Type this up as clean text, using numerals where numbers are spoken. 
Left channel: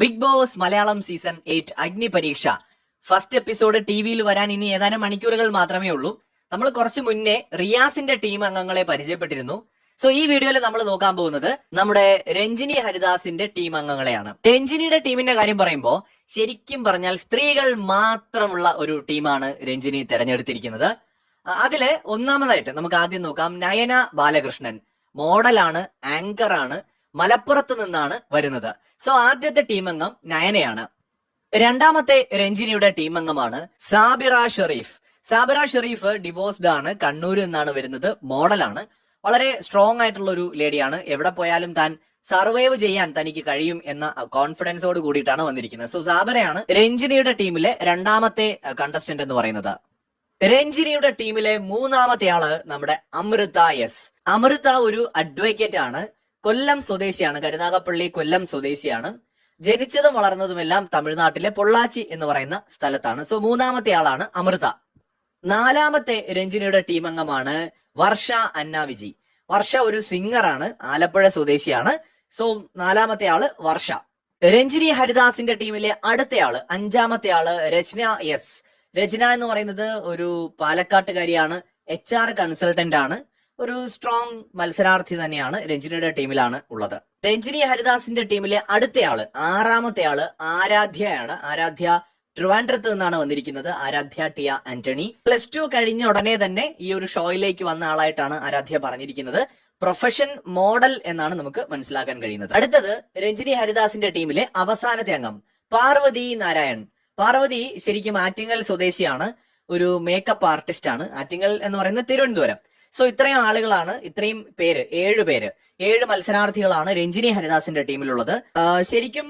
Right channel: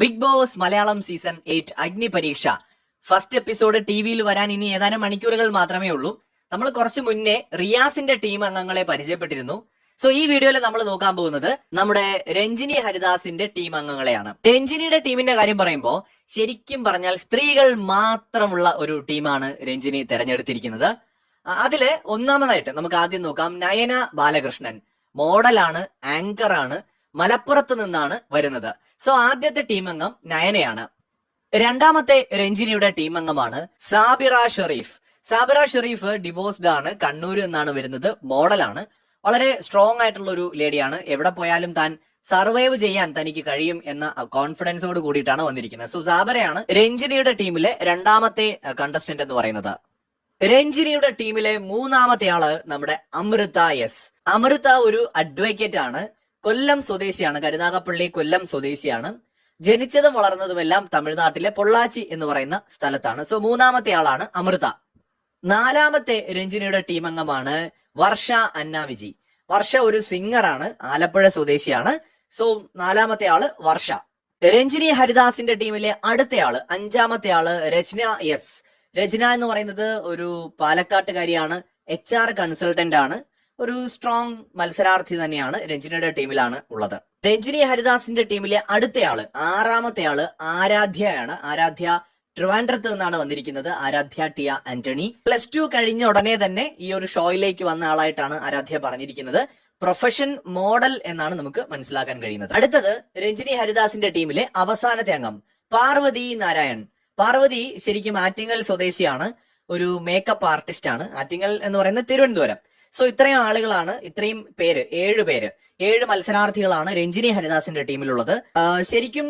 Big boss Malayalam season 8 അഗ്നി പരീക്ഷ first episode ടിവിയിൽ വരാൻ ഇനി ഏതാനും മണിക്കൂറുകൾ മാത്രമേ ഉള്ളൂ. നമ്മൾ കുറച്ച് മുന്നേ റിയാസിന്റെ ടീം അംഗങ്ങളെ പരിചയപ്പെട്ടിരുന്നു. സോ ഈ വീഡിയോയിൽ നമ്മൾ നോക്കാൻ പോകുന്നത് നമ്മുടെ രഞ്ജിനി ഹരിദാസിന്റെ ടീം അംഗങ്ങളെയാണ്. രഞ്ജിനിയുടെ ടീമിന്റെ കാര്യം പറയുമ്പോൾ ശരിക്കും പറഞ്ഞാൽ സ്ത്രീകൾ മാത്രമുള്ള ഒരു ടീമാണ് രഞ്ജിനി തെരഞ്ഞെടുത്തിരിക്കുന്നത്. അതില് ഒന്നാമതായിട്ട് നമുക്ക് ആദ്യം നോക്കാം. നയന ബാലകൃഷ്ണൻ മോഡലാണ്, ആങ്കറാണ്, മലപ്പുറത്ത് നിന്നാണ് വരുന്നത്. സോ ആദ്യത്തെ ടീം അംഗം നയനയാണ്. രണ്ടാമത്തെ രഞ്ജിനിയുടെ ടീം അംഗമാണ് സാബിറ ഷെറീഫ്. സാബിറ ഷെറീഫ് ഡിവോഴ്സ്ഡ് ആണ്, കണ്ണൂരിൽ നിന്നാണ് വരുന്നത്, മോഡലാണ്, വളരെ സ്ട്രോങ് ആയിട്ടുള്ള ഒരു ലേഡിയാണ്. എവിടെ പോയാലും താൻ സർവൈവ് ചെയ്യാൻ തനിക്ക് കഴിയും എന്ന കോൺഫിഡൻസോട് കൂടിയിട്ടാണ് വന്നിരിക്കുന്നത്. സോ സാബിറയാണ് രഞ്ജിനിയുടെ ടീമിലെ രണ്ടാമത്തെ കണ്ടസ്റ്റന്റ് എന്ന് പറയുന്നത്. രഞ്ജിനിയുടെ ടീമിലെ മൂന്നാമത്തെ ആള് നമ്മുടെ അമൃത എസ്. അമൃത ഒരു അഡ്വക്കേറ്റ് ആണ്, കൊല്ലം സ്വദേശിയാണ്, കരുനാഗപ്പള്ളി കൊല്ലം സ്വദേശിയാണ്. ജനിച്ചതും വളർന്നതുമെല്ലാം തമിഴ്നാട്ടിലെ പൊള്ളാച്ചി എന്ന് പറയുന്ന സ്ഥലത്താണ്. സോ മൂന്നാമത്തെ ആളാണ് അമൃത. നാലാമത്തെ രഞ്ജിനിയുടെ ടീം അംഗമാണ് വർഷ അന്ന വിജി. വർഷ ഒരു സിംഗറാണ്, ആലപ്പുഴ സ്വദേശിയാണ്. സോ നാലാമത്തെ ആള് വർഷ. രഞ്ജിനി ഹരിദാസിന്റെ ടീമിലെ അടുത്തയാള്, അഞ്ചാമത്തെ ആള് രചന എസ്. രചന എന്ന് പറയുന്നത് ഒരു പാലക്കാട്ടുകാരിയാണ്, HR കൺസൾട്ടന്റ് ആണ്, ഒരു സ്ട്രോങ് മത്സരാർത്ഥി തന്നെയാണ്. രഞ്ജിനിയുടെ ടീമിലാണ് ഉള്ളത്. രഞ്ജിനി ഹരിദാസിന്റെ ടീമിലെ അടുത്തയാള്, ആറാമത്തെ ആള് ആരാധ്യയാണ്. ആരാധ്യ ട്രിവാൻഡ്രത്ത് നിന്നാണ് വന്നിരിക്കുന്നത്. ആരാധ്യ ടിയ ആന്റണി. +2 കഴിഞ്ഞ ഉടനെ തന്നെ ഈ ഒരു ഷോയിലേക്ക് വന്ന ആളായിട്ടാണ് ആരാധ്യ പറഞ്ഞിരിക്കുന്നത്. പ്രൊഫഷൻ മോഡൽ എന്നാണ് നമുക്ക് മനസ്സിലാക്കാൻ കഴിയുന്നത്. അടുത്തത് രഞ്ജിനി ഹരിദാസിന്റെ ടീമിലെ അവസാനത്തെ അംഗം പാർവതി നാരായൺ. പാർവതി ശരിക്കും ആറ്റിങ്ങൽ സ്വദേശിയാണ്, ഒരു മേക്കപ്പ് ആർട്ടിസ്റ്റ് ആണ്. ആറ്റിങ്ങൽ എന്ന് പറയുന്നത് തിരുവനന്തപുരം. സോ ഇത്രയും ആളുകളാണ്, ഇത്രയും പേര്, 7 മത്സരാർത്ഥികളാണ് രഞ്ജിനി ഹരിദാസിന്റെ ടീമിലുള്ളത്. ശരിക്കും